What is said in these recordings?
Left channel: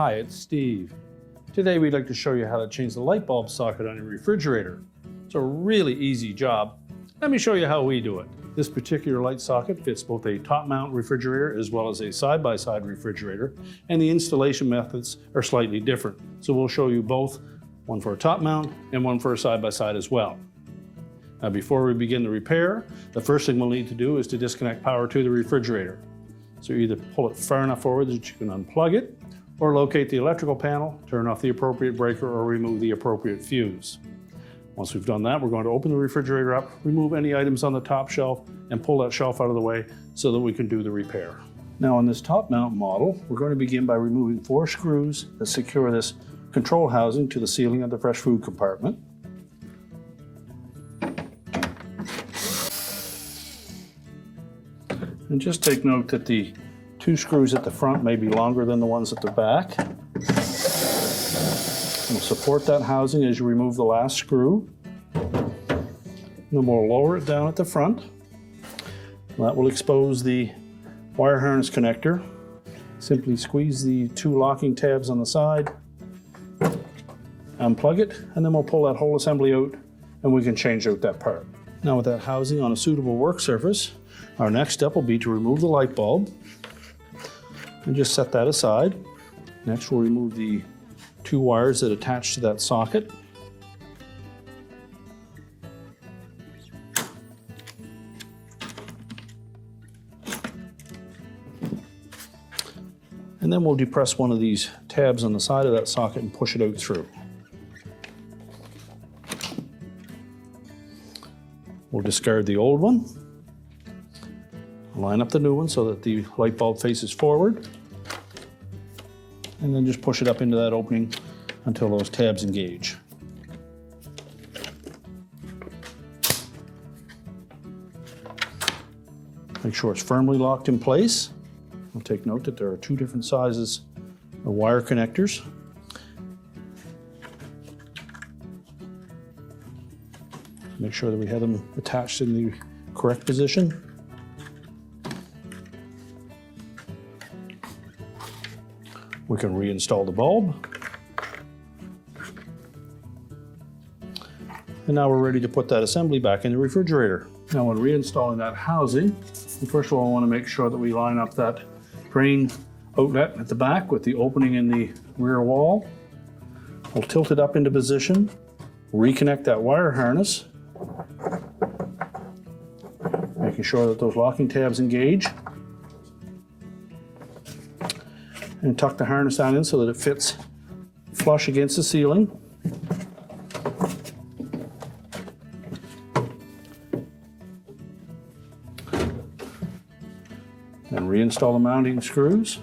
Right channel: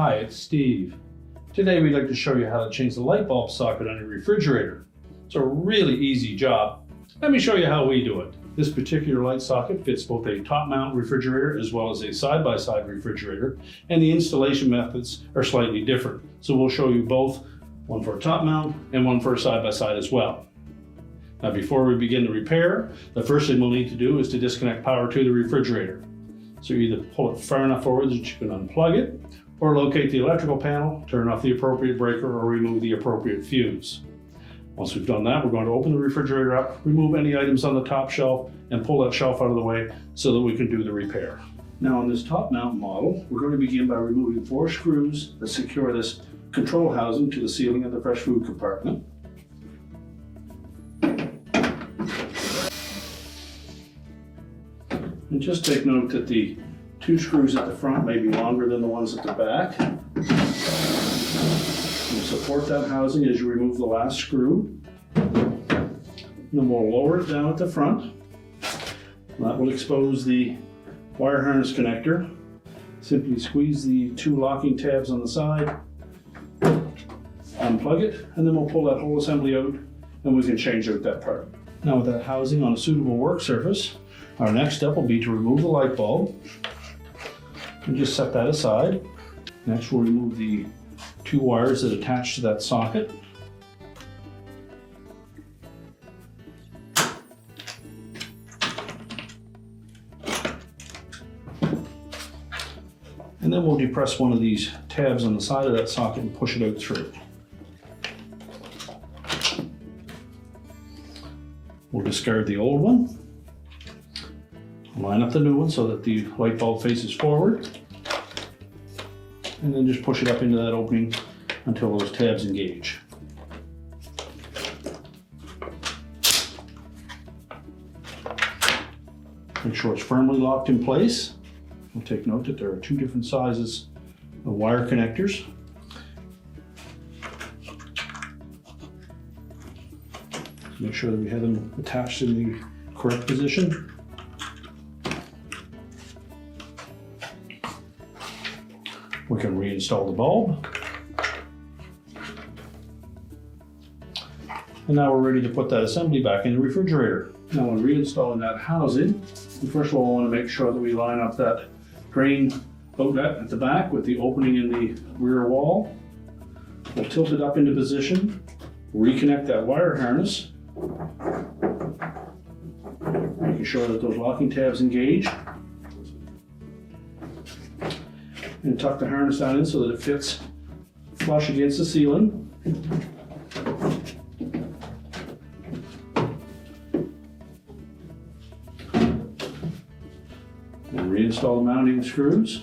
Hi, it's Steve. Today we'd like to show you how to change the light bulb socket on your refrigerator. It's a really easy job. Let me show you how we do it. This particular light socket fits both a top mount refrigerator as well as a side-by-side refrigerator, and the installation methods are slightly different. So we'll show you both, one for a top mount and one for a side-by-side as well. Now before we begin the repair, the first thing we'll need to do is to disconnect power to the refrigerator. So you either pull it far enough forward that you can unplug it, or locate the electrical panel, turn off the appropriate breaker, or remove the appropriate fuse. Once we've done that, we're going to open the refrigerator up, remove any items on the top shelf, and pull that shelf out of the way so that we can do the repair. Now on this top mount model, we're going to begin by removing 4 screws that secure this control housing to the ceiling of the fresh food compartment. And just take note that the 2 screws at the front may be longer than the ones at the back. And support that housing as you remove the last screw. And then we'll lower it down at the front. That will expose the wire harness connector. Simply squeeze the 2 locking tabs on the side, unplug it, and then we'll pull that whole assembly out and we can change out that part. Now with that housing on a suitable work surface, our next step will be to remove the light bulb and just set that aside. Next we'll remove the 2 wires that attach to that socket. And then we'll depress one of these tabs on the side of that socket and push it out through. We'll discard the old one. Line up the new one so that the light bulb faces forward, and then just push it up into that opening until those tabs engage. Make sure it's firmly locked in place. We'll take note that there are 2 different sizes of wire connectors. Make sure that we have them attached in the correct position. We can reinstall the bulb. And now we're ready to put that assembly back in the refrigerator. Now when reinstalling that housing, first of all I want to make sure that we line up that drain outlet at the back with the opening in the rear wall. We'll tilt it up into position, reconnect that wire harness, making sure that those locking tabs engage. And tuck the harness down in so that it fits flush against the ceiling. And reinstall the mounting screws.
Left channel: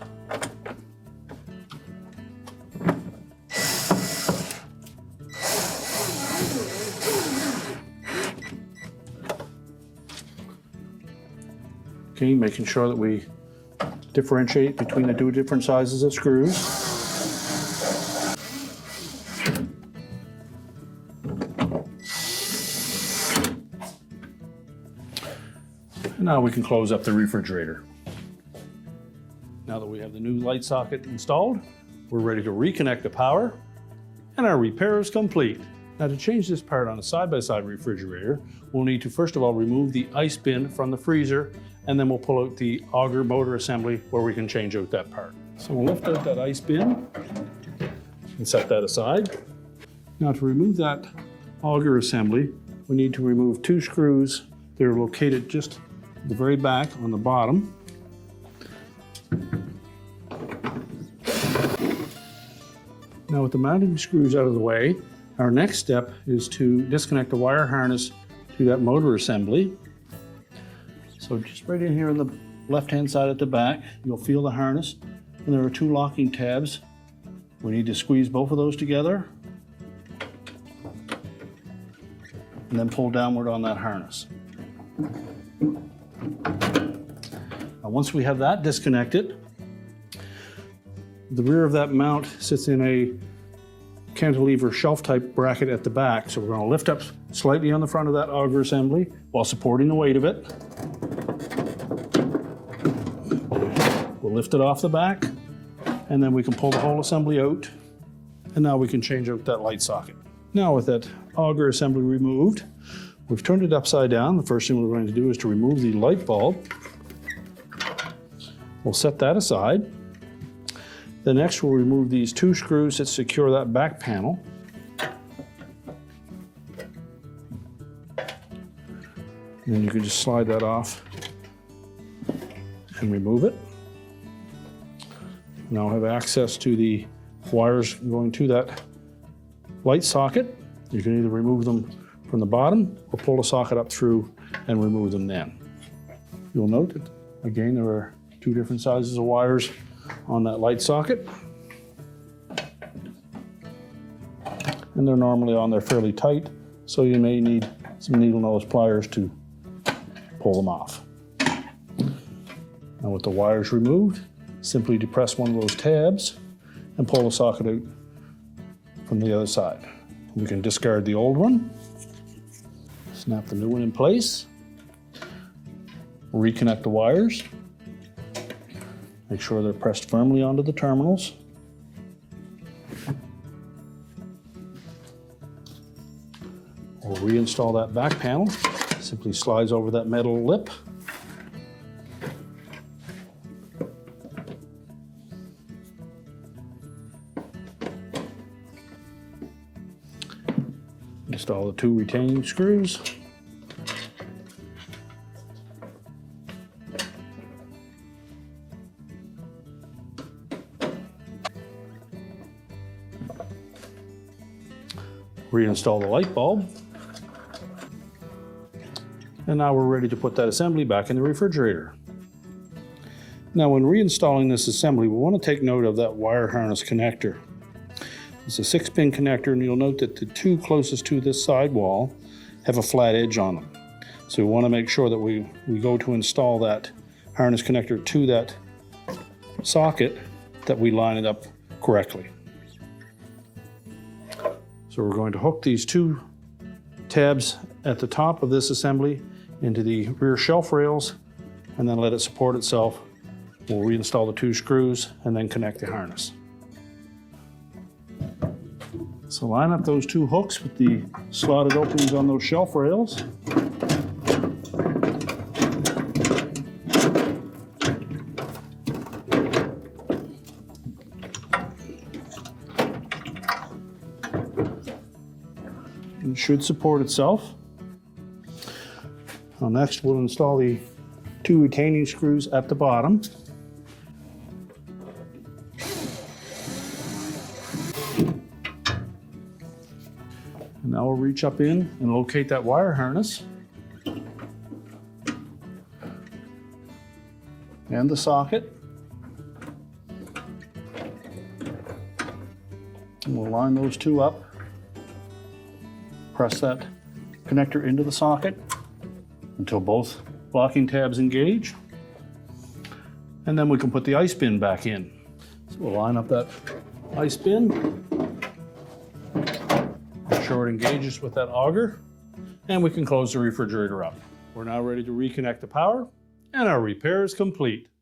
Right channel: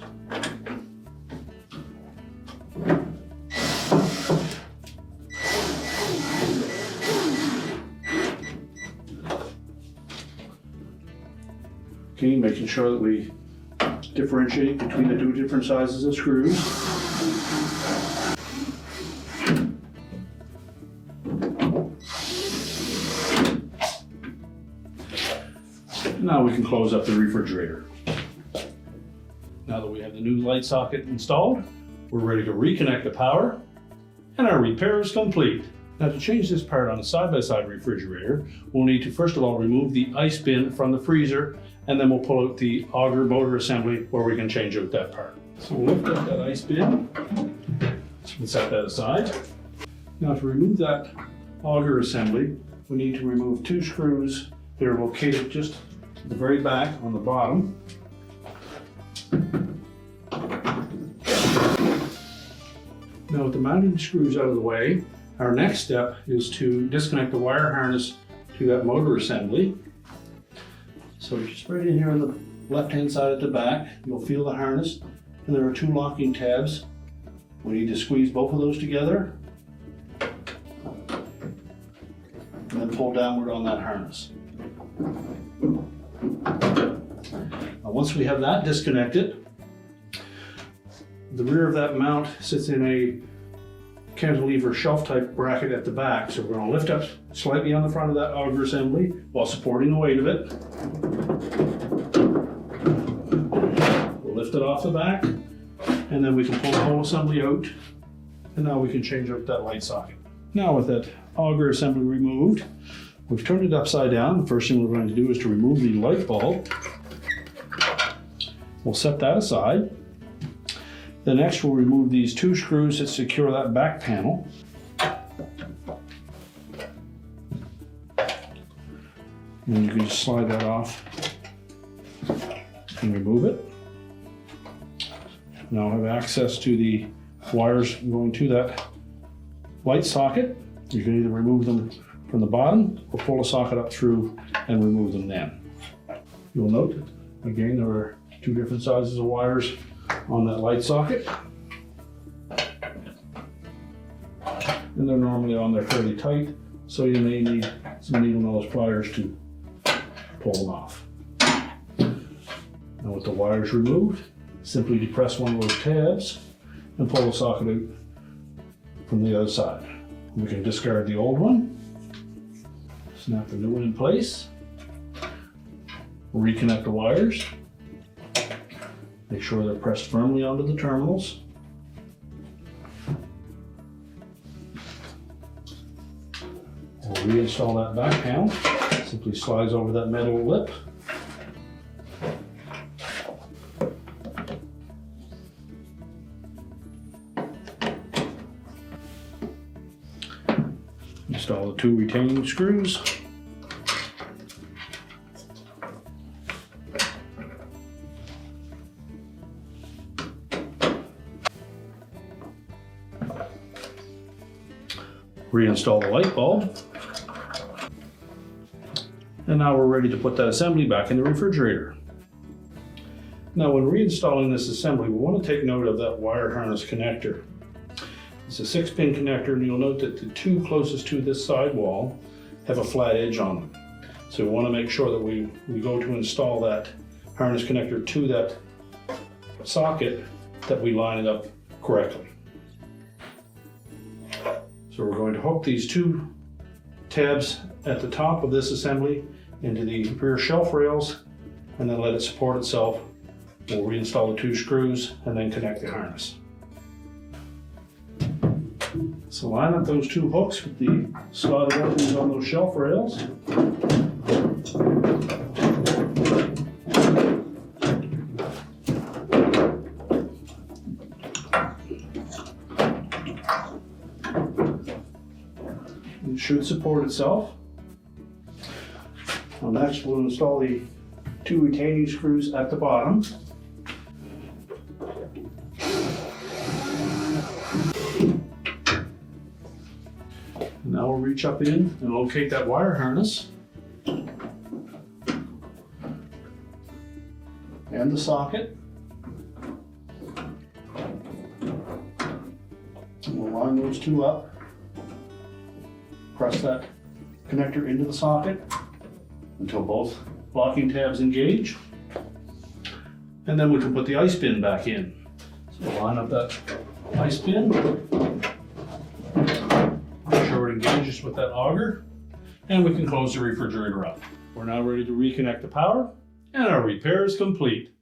Okay, making sure that we differentiate between the 2 different sizes of screws. Now we can close up the refrigerator. Now that we have the new light socket installed, we're ready to reconnect the power, and our repair is complete. Now to change this part on a side-by-side refrigerator, we'll need to first of all remove the ice bin from the freezer, and then we'll pull out the auger motor assembly where we can change out that part. So we'll lift out that ice bin and set that aside. Now to remove that auger assembly, we need to remove 2 screws that are located just at the very back on the bottom. Now with the mounting screws out of the way, our next step is to disconnect the wire harness to that motor assembly. So just right in here on the left-hand side at the back, you'll feel the harness, and there are 2 locking tabs. We need to squeeze both of those together, and then pull downward on that harness. Now once we have that disconnected, the rear of that mount sits in a cantilever shelf type bracket at the back. So we're going to lift up slightly on the front of that auger assembly while supporting the weight of it. We'll lift it off the back, And then we can pull the whole assembly out. And now we can change out that light socket. Now with that auger assembly removed, we've turned it upside down. The first thing we're going to do is to remove the light bulb. We'll set that aside. Then next we'll remove these 2 screws that secure that back panel. And you can just slide that off and remove it. Now I have access to the wires going to that light socket. You can either remove them from the bottom or pull the socket up through and remove them then. You'll note that, again, there are 2 different sizes of wires on that light socket. And they're normally on there fairly tight, so you may need some needle nose pliers to pull them off. Now with the wires removed, simply depress one of those tabs and pull the socket out from the other side. We can discard the old one, snap the new one in place, reconnect the wires, make sure they're pressed firmly onto the terminals. We'll reinstall that back panel. It simply slides over that metal lip. Install the 2 retaining screws. Reinstall the light bulb. And now we're ready to put that assembly back in the refrigerator. Now when reinstalling this assembly, we want to take note of that wire harness connector. It's a 6-pin connector, and you'll note that the 2 closest to this side wall have a flat edge on them. So we want to make sure that we go to install that harness connector to that socket, that we line it up correctly. So we're going to hook these 2 tabs at the top of this assembly into the rear shelf rails, and then let it support itself. We'll reinstall the 2 screws and then connect the harness. So line up those 2 hooks with the slotted openings on those shelf rails. It should support itself. Now next we'll install the 2 retaining screws at the bottom. Now we'll reach up in and locate that wire harness and the socket. And we'll line those 2 up. Press that connector into the socket until both locking tabs engage. And then we can put the ice bin back in. So we'll line up that ice bin. Make sure it engages with that auger, and we can close the refrigerator up. We're now ready to reconnect the power, and our repair is complete.